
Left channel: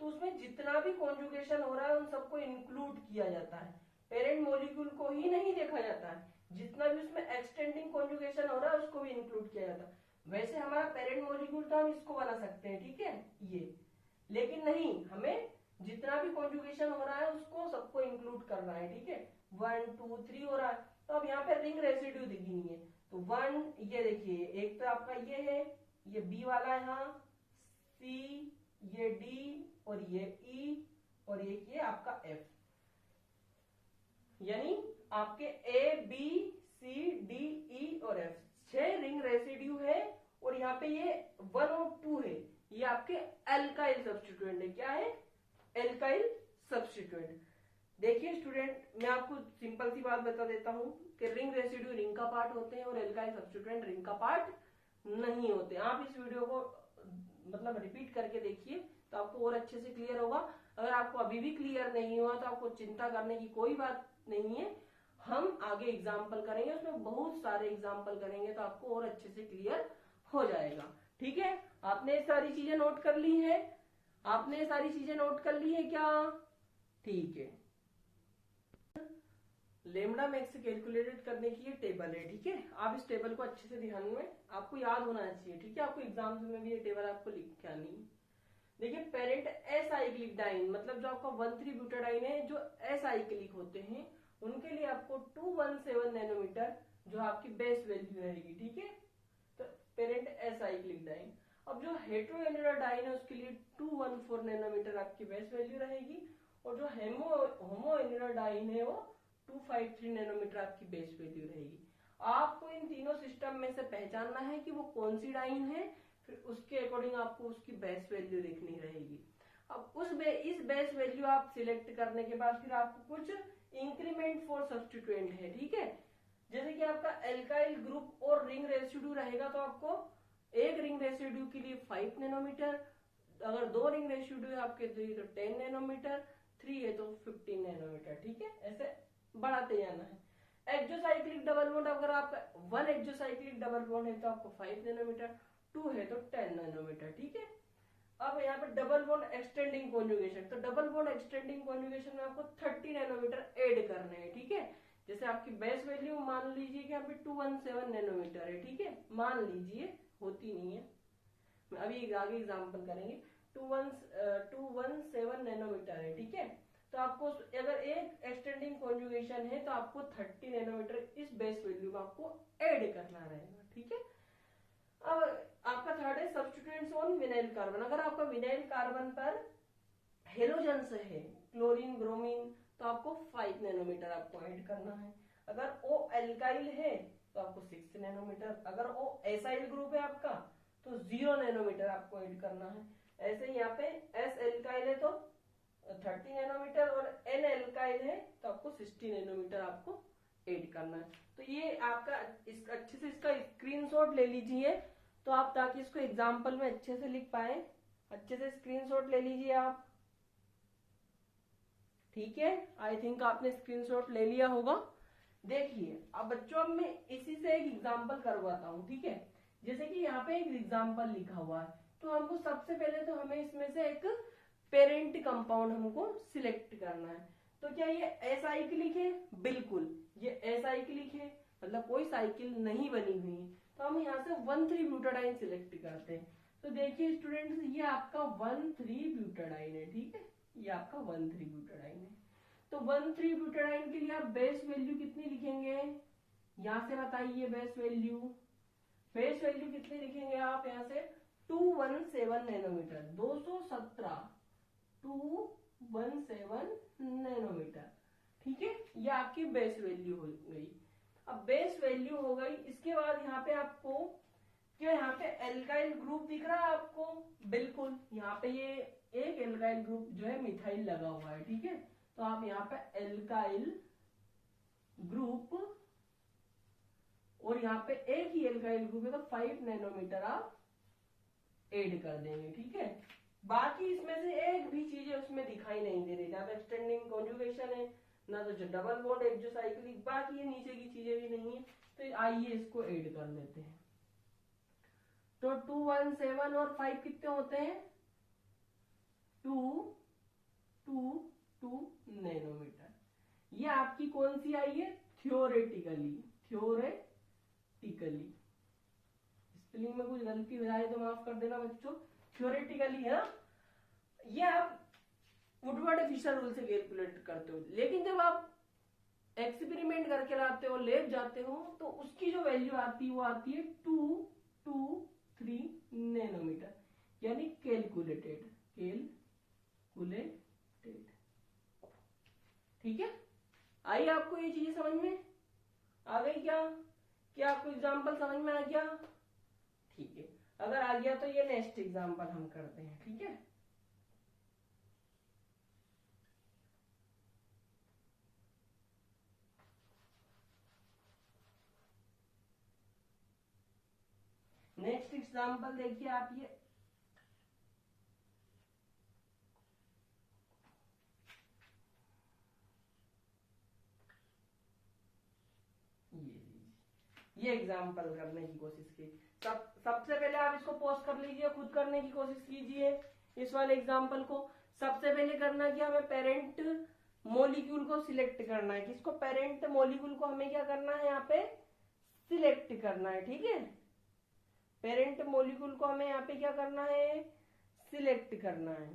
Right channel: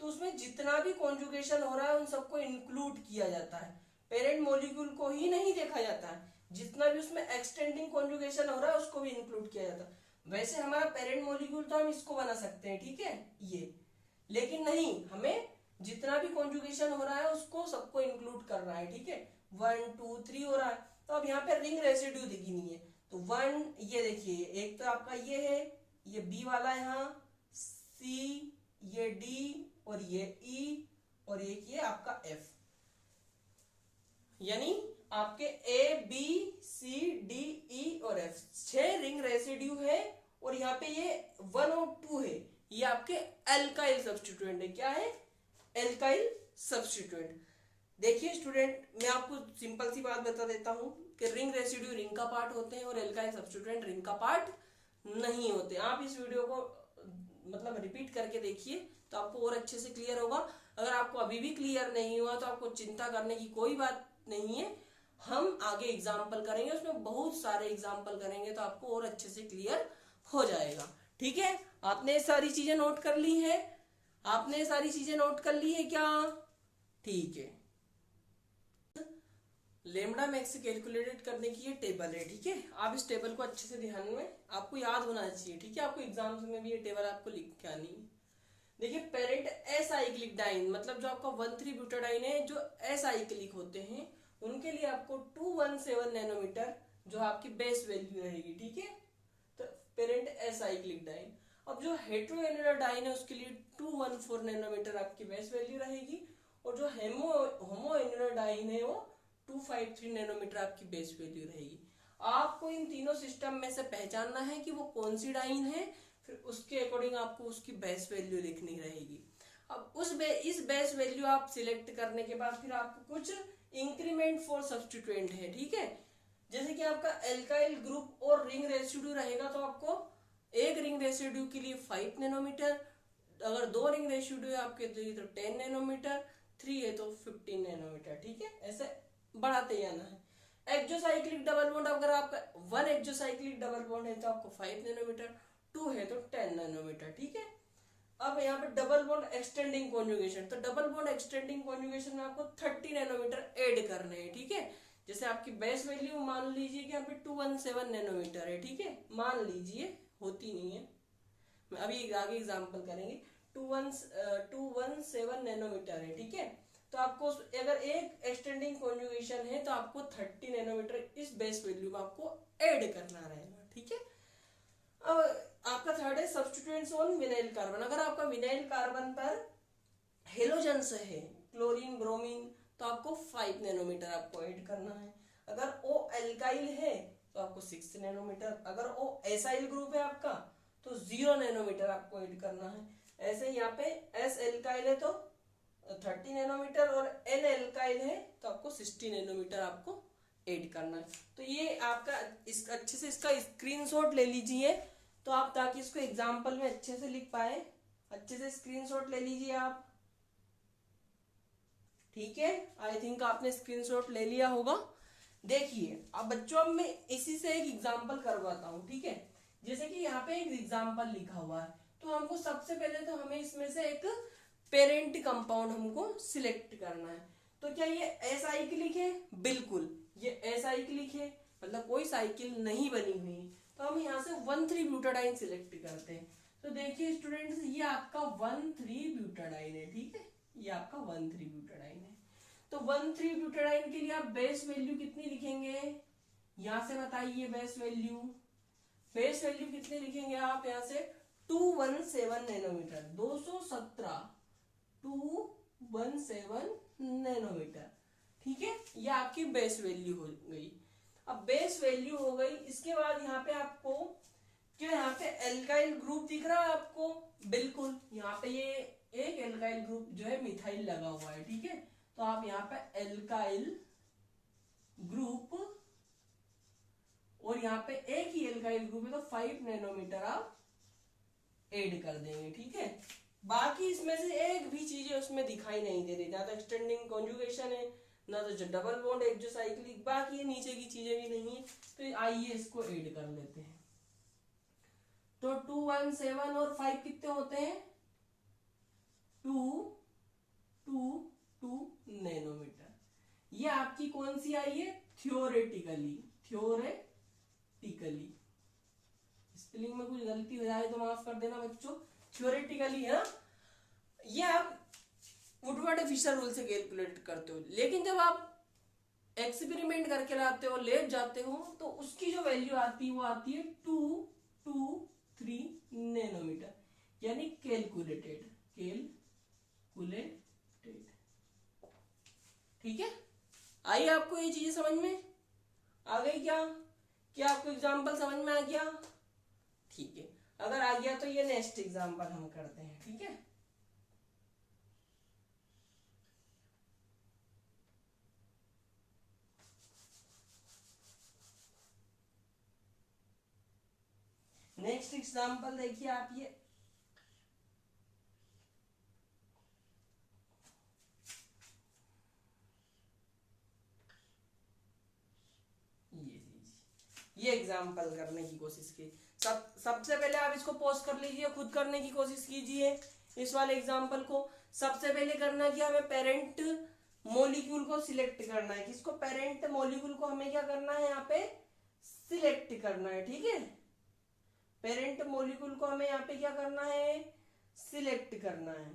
तो उसमें जितना भी कॉन्जुगेशन हो रहा है उन सबको इंक्लूड किया जाता है, पेरेंट मॉलिक्यूल को ही नहीं देखा जाता है। जितना भी उसमें एक्सटेंडिंग कॉन्जुगेशन हो रहा है उसको भी इंक्लूड किया जाता है। वैसे हमारा पेरेंट मॉलिक्यूल तो हम इसको बना सकते हैं, ठीक है ये, लेकिन नहीं, हमें जितना भी कॉन्जुगेशन हो रहा है उसको सबको इंक्लूड करना है। ठीक है, 1 2 3 हो रहा है, तो अब यहाँ पे रिंग रेसिड्यू दिखनी है, तो 1 ये देखिए, एक तो आपका ये है, ये बी वाला यहाँ, सी, ये डी और ये ई और एक ये आपका एफ, यानी आपके A B C D E और एफ 6 रिंग रेसिड्यू है। और यहाँ पे ये 1 और 2 है, ये आपके एल्काइल सब्स्टिट्यूएंट है। क्या है, एल्काइल सब्स्टिट्यूएंट। देखिए स्टूडेंट, मैं आपको सिंपल सी बात बता देता हूं कि रिंग रेसिड्यू रिंग का पार्ट होते हैं और एल्काइल सब्स्टिट्यूएंट रिंग का पार्ट नहीं होते। आप इस वीडियो को मतलब रिपीट करके देखिए तो आपको और अच्छे से क्लियर होगा। अगर आपको अभी भी क्लियर नहीं हुआ तो आपको चिंता करने की कोई बात नहीं है, हम आगे एग्जाम्पल करेंगे, उसमें बहुत सारे एग्जाम्पल करेंगे तो आपको और अच्छे से क्लियर हो जाएगा। ठीक है, आपने सारी चीजें नोट कर ली है, आपने सारी चीजें नोट कर ली है क्या? ठीक है, लेमडा मैक्स कैलकुलेटेड करने की ये टेबल है। ठीक है, आप इस टेबल को अच्छे से ध्यान में आपको याद होना चाहिए। ठीक है, आपको एग्जाम्स में भी ये टेबल आपको लिख के आनी है। देखिए पेरेंट एसाइक्लिक डाइन, मतलब जो आपका 1,3-ब्यूटाडाइन है, जो एसाइक्लिक होते हैं उनके लिए आपको 217 नैनोमीटर जो आपकी बेस वैल्यू रहेगी। ठीक है, तो पेरेंट एसाइक्लिक डाइन। अब जो हेटेरोएनुलर डाइन है उसके लिए 214 नैनोमीटर आपकी बेस वैल्यू रहेगी, और जो होमोएनुलर डाइन है वो 253 नैनोमीटर आपकी बेस वैल्यू रहेगी। आपको इन तीनों सिस्टम में से पहचानना है कि वो कौन सी डाइन है, फिर उसके अकॉर्डिंग आपको उसकी बेस वैल्यू लिखनी रहेगी। अब इस बेस वैल्यू आप सिलेक्ट करने के बाद फिर आपको कुछ इंक्रीमेंट फॉर सब्स्टिट्यूएंट है। ठीक है, जैसे कि आपका एल्काइल ग्रुप और रिंग रेसिड्यू रहेगा तो आपको एक रिंग रेसिड्यू के लिए 5 नैनोमीटर, अगर 2 रिंग रेसिड्यू आपके तो 10 नैनोमीटर, 3 है तो 15 नैनोमीटर। ठीक है, ऐसे बढ़ाते जाना है। एक्सोसाइक्लिक डबल बॉन्ड, अगर आपका 1 एक्सोसाइक्लिक डबल बॉन्ड है तो आपको 5 नैनोमीटर, 2 है तो 10 नैनोमीटर। ठीक है, अब यहाँ पे डबल बॉन्ड एक्सटेंडिंग कॉन्जुगेशन, तो डबल बॉन्ड एक्सटेंडिंग कॉन्जुगेशन में आपको 30 नैनोमीटर ऐड करने हैं। ठीक है, जैसे आपकी बेस वैल्यू मान लीजिए कि यहाँ पे 217 नैनोमीटर है। ठीक है, मान लीजिए, होती नहीं है, मैं अभी आगे एग्जांपल करेंगे। 217 नैनोमीटर है। ठीक है, तो आपको अगर एक एक्सटेंडिंग कॉन्जुगेशन है तो आपको 30 नैनोमीटर इस बेस वैल्यू में आपको ऐड करना रहेगा। ठीक है, अब आपका थर्ड है सब्स्टिट्यूएंट्स ऑन विनाइल कार्बन। अगर आपका विनाइल कार्बन पर हेलोजन्स है, क्लोरीन ब्रोमीन, तो आपको 5 नैनोमीटर आपको ऐड करना है। अगर ओ एल्काइल है तो आपको 6 नैनोमीटर, अगर ओ एसाइल ग्रुप है आपका तो 0 नैनोमीटर आपको ऐड करना है। ऐसे यहाँ पे एस एल्काइल है तो 30 नैनोमीटर और एन एल्काइल है तो आपको 60 नैनोमीटर आपको ऐड करना है। तो ये आपका अच्छे से इसका स्क्रीनशॉट ले लीजिए, तो आप ताकि इसको एग्जाम्पल में अच्छे से लिख पाए, अच्छे से स्क्रीनशॉट ले लीजिए आप। ठीक है, आई थिंक आपने स्क्रीनशॉट ले लिया होगा। देखिए अब बच्चों, मैं इसी से एक एग्जाम्पल करवाता हूँ। ठीक है, जैसे कि यहाँ पे एक एग्जाम्पल लिखा हुआ है, तो हमको सबसे पहले तो हमें इसमें से एक पेरेंट कंपाउंड हमको सिलेक्ट करना है। तो क्या ये असाइक्लिक है? बिल्कुल ये असाइक्लिक है, मतलब कोई साइकिल नहीं बनी हुई। तो हम यहाँ से 1,3 ब्यूटाडाइन सिलेक्ट करते हैं। तो देखिए स्टूडेंट्स, ये आपका 1,3 ब्यूटाडाइन है, ठीक है, ये आपका 1,3 ब्यूटाडाइन है। तो 1,3 ब्यूटाडाइन के लिए आप बेस वैल्यू कितनी लिखेंगे? यहां से बताइए बेस वैल्यू। बेस वैल्यू कितनी लिखेंगे आप? यहां से 217 नैनोमीटर, 217 नैनोमीटर, ठीक है, ये आपकी बेस वैल्यू हो गई। अब बेस वैल्यू हो गई, इसके बाद यहाँ पे आपको क्या, यहाँ पे एल्काइल ग्रुप दिख रहा है आपको? बिल्कुल, यहाँ पे ये एक एल्काइल ग्रुप जो है मिथाइल लगा हुआ है, ठीक है। तो आप यहाँ पे एल्काइल ग्रुप, और यहाँ पे एक ही एल्काइल ग्रुप है तो 5 नैनोमीटर आप ऐड कर देंगे, ठीक है। बाकी इसमें से एक भी चीजें उसमें दिखाई नहीं दे रही, ना तो एक्सटेंडिंग कॉन्जुगेशन है, ना तो जो डबल बॉन्ड एक्सोसाइक्लिक, बाकी ये नीचे की चीजें भी नहीं है। तो आइए इसको ऐड कर लेते हैं। तो 217 और 5 कितने होते हैं? 2 नैनोमीटर। ये आपकी कौन सी आई है? थियोरेटिकली स्पेलिंग में कुछ गलती हो जाए तो माफ कर देना बच्चों, थियोरेटिकली है। ये आप वुडवर्ड फिशर रूल से कैलकुलेट करते हो, लेकिन जब आप एक्सपेरिमेंट करके लाते हो, लैब जाते हो, तो उसकी जो वैल्यू आती है वो आती है 223 नैनोमीटर, यानी कैलकुलेटेड, ठीक है। आई आपको ये चीजें समझ में आ गई क्या आपको एग्जांपल समझ में आ गया? ठीक है, अगर आ गया तो ये नेक्स्ट एग्जांपल हम करते हैं, ठीक है। नेक्स्ट एग्जांपल देखिए आप, ये एग्जाम्पल करने की कोशिश की। सबसे पहले आप इसको पॉज कर लीजिए, खुद करने की कोशिश कीजिए इस वाले एग्जाम्पल को। सबसे पहले करना क्या, हमें पेरेंट मॉलिक्यूल को सिलेक्ट करना है। किसको? पेरेंट मॉलिक्यूल को हमें क्या करना है? यहाँ पे सिलेक्ट करना है, ठीक है। पेरेंट मॉलिक्यूल को हमें यहाँ पे क्या करना है? सिलेक्ट करना है।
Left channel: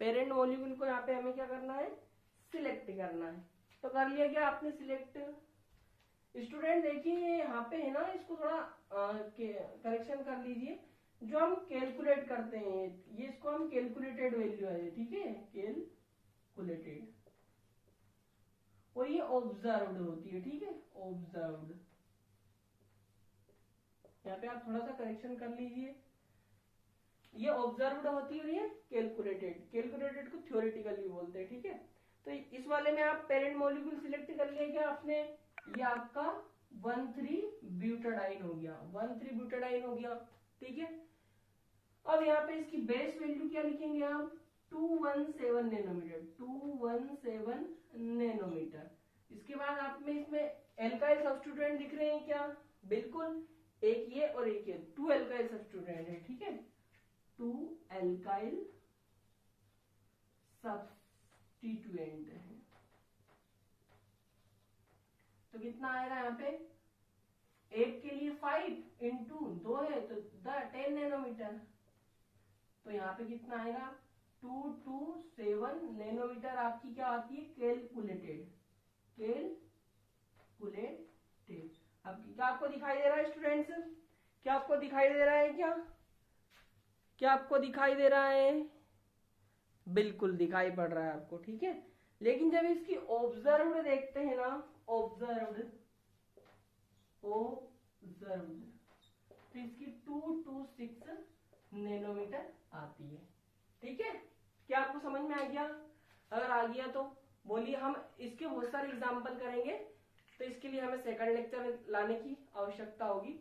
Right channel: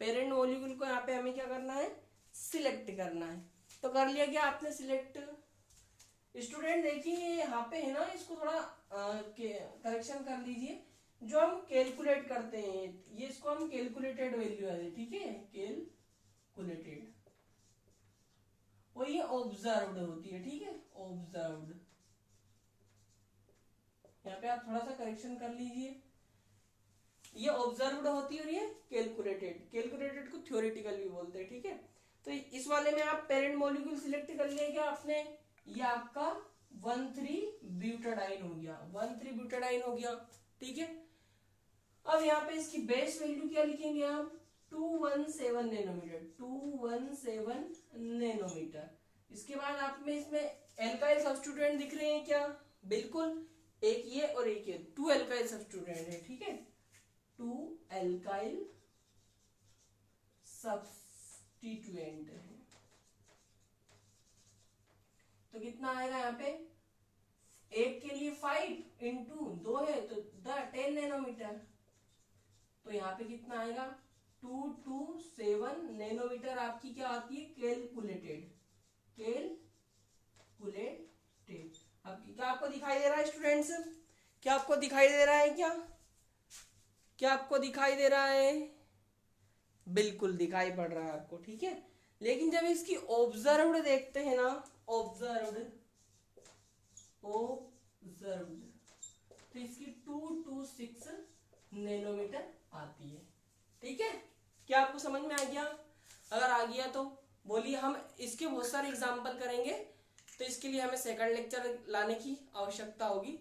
पेरेंट मॉलिक्यूल को यहाँ पे हमें क्या करना है? सिलेक्ट करना है। तो कर लिया क्या आपने सिलेक्ट? स्टूडेंट देखिए यहाँ पे है ना, इसको थोड़ा करेक्शन कर लीजिए। जो हम कैलकुलेट करते हैं ये, इसको हम कैलकुलेटेड वैल्यू है, ठीक है, कैलकुलेटेड, और ये ऑब्जर्व्ड होती है, ठीक है, ऑब्जर्व्ड। यहाँ पे आप थोड़ा सा करेक्शन कर लीजिए, ये ऑब्जर्व्ड होती है और ये कैलकुलेटेड को थ्योरेटिकल भी बोलते हैं, ठीक है। तो इस वाले में आप पेरेंट मॉलिक्यूल सिलेक्ट कर लिया क्या आपने? ये आपका 1,3 ब्यूटाडाइन हो गया, 1,3 ब्यूटाडाइन हो गया, ठीक है। अब यहाँ पे इसकी बेस वैल्यू क्या लिखेंगे आप? 217 नैनोमीटर, 217 नैनोमीटर। इसके बाद आप में इसमें एल्काइल सब्स्टिट्यूएंट दिख रहे हैं क्या? बिल्कुल, एक ये और एक ये, 2 एल्काइल सब्स्टिट्यूएंट है, ठीक है, 2 एल्काइल सब्स्टिट्यूएंट है। तो कितना आएगा यहाँ पे? एक के लिए 5 इंटू 2 है तो 10 नैनोमीटर। तो यहाँ पे कितना आएगा? 227 नैनोमीटर आपकी क्या आती है? कैलकुलेटेड। अब क्या आपको दिखाई दे रहा है स्टूडेंट्स? क्या आपको दिखाई दे रहा है? क्या आपको दिखाई दे रहा है? बिल्कुल दिखाई पड़ रहा है आपको, ठीक है। लेकिन जब इसकी ऑब्जर्व्ड देखते हैं ना, ऑब्जर्व्ड, तो इसकी 226 नैनोमीटर आती है, ठीक है। क्या आपको समझ में आ गया? अगर आ गया तो बोलिए। हम इसके बहुत सारे एग्जाम्पल करेंगे, तो इसके लिए हमें सेकंड लेक्चर लाने की आवश्यकता होगी।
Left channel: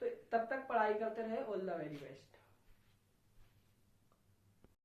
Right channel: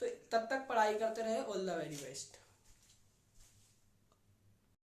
तो तब तक पढ़ाई करते रहे। All the very best.